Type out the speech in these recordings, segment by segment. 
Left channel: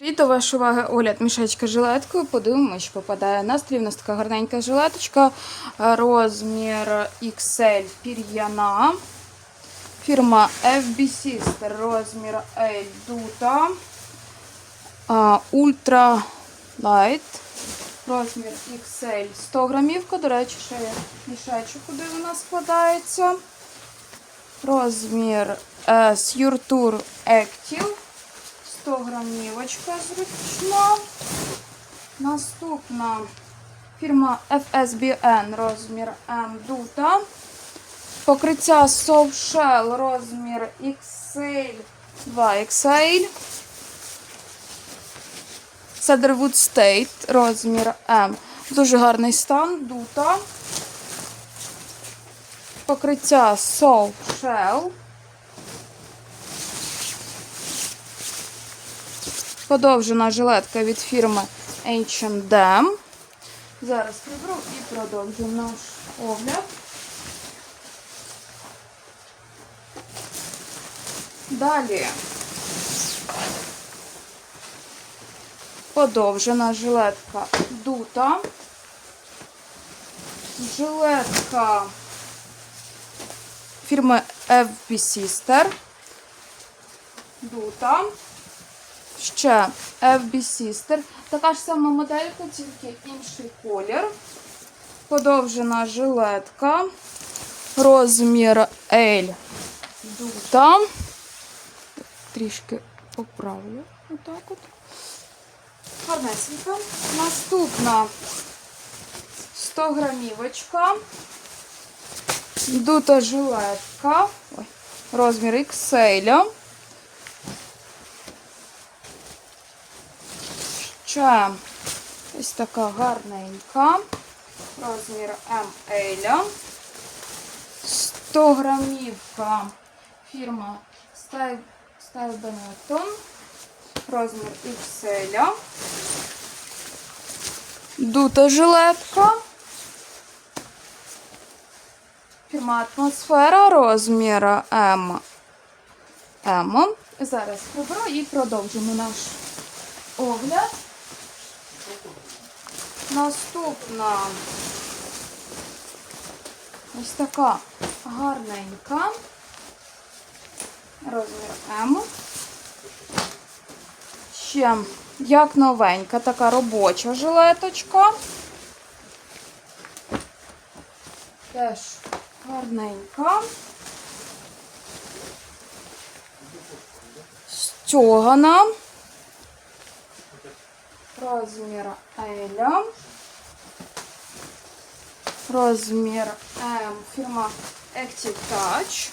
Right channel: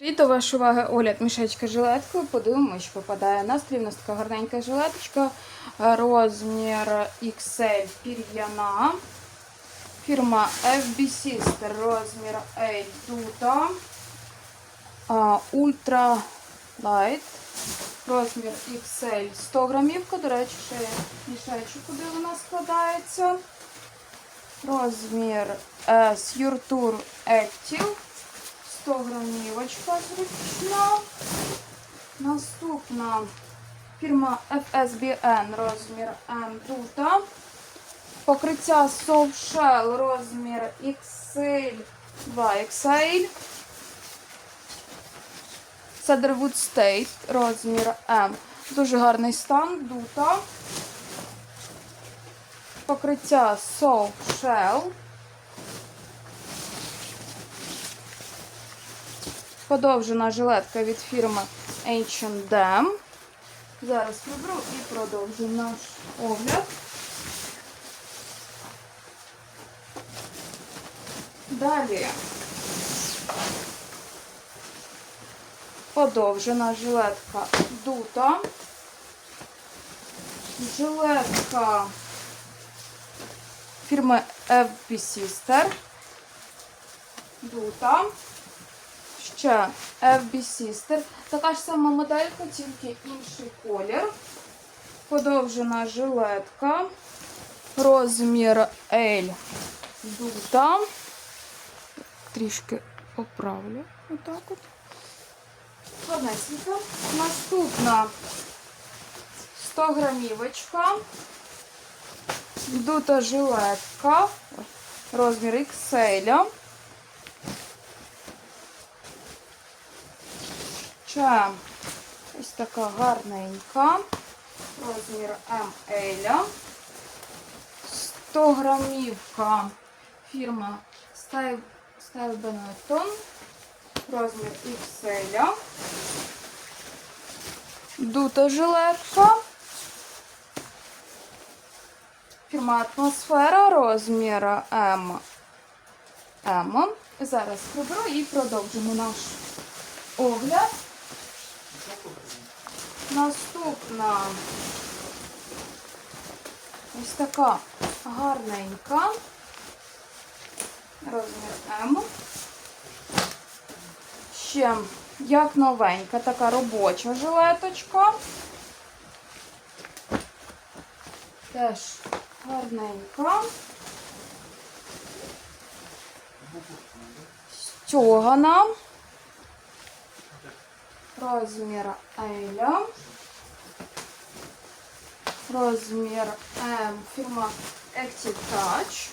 І до вашої уваги огляд мішечка жилеткою. Подивимось, що попадає. Настрій у нас така гарненька жилеточка. Розмір XL пір'яна. Фірма FB Sister. Розмір L дута. Ультра Light. Розмір XL 100 грамівка. До речі, ще мішечок, куди вона складається. Розмір S Yurtur Active. 100 грамівочка зручна. Наступна фірма FSBN розмір M дута. Покриття Soft Shell розмір XL 2XL. Cedarwood State розмір M. Дуже гарний стан, дута. Покриття Soft Подовжена жилетка від фірми H&M. Зараз приберу і продовжу наш огляд. Далі подовжена жилетка дута. Жилетка фірми FB Sister. Дута. Ще FB Sister. Така ж сама моделька, тільки інший колір. Подовжена жилетка. Розмір L. Дута. Трішки поправлю. Отак от. Гарнесенько. Наступна 100 грамівочка. Дута жилетка. Розмір XL. Ще ось така гарненька. Розмір ML. 100 грамівка. Фірма Style Benetton. Розмір XL. Дута жилетка. Фірма Атмосфера. Розмір М. М. Зараз приберу і продовжимо наш огляд. Наступна ось така гарненька. Розмір М. Ще як новенька, така робоча жилеточка. Теж гарненька. Стьогана. Розмір L. Розмір М. Фірма Active Touch.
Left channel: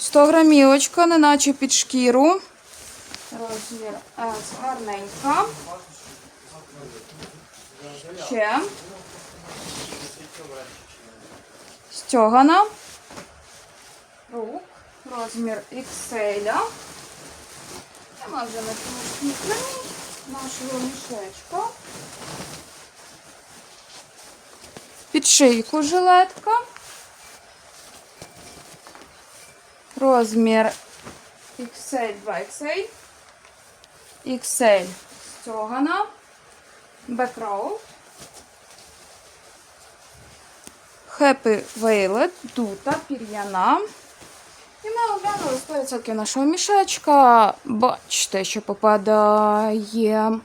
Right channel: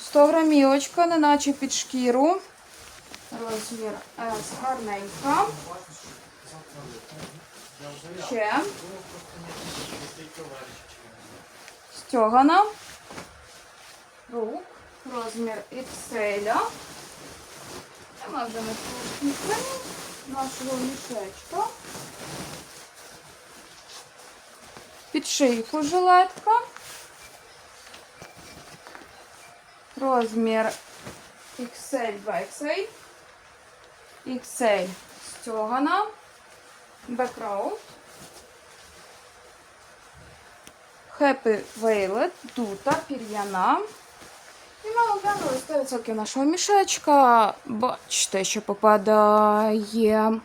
100 грамівочка, неначе під шкіру. Розмір S гарненька. Ще. Стьогана. Рук. Розмір XL. Ми вже на нашого мішечка. Під шийку жилетка. Розмір XL 2XL. XL стягана. Бекраут. Happy Violet, дута, пір'яна. Ми оглянули 100% нашого мішечка. Бачите, що попадає.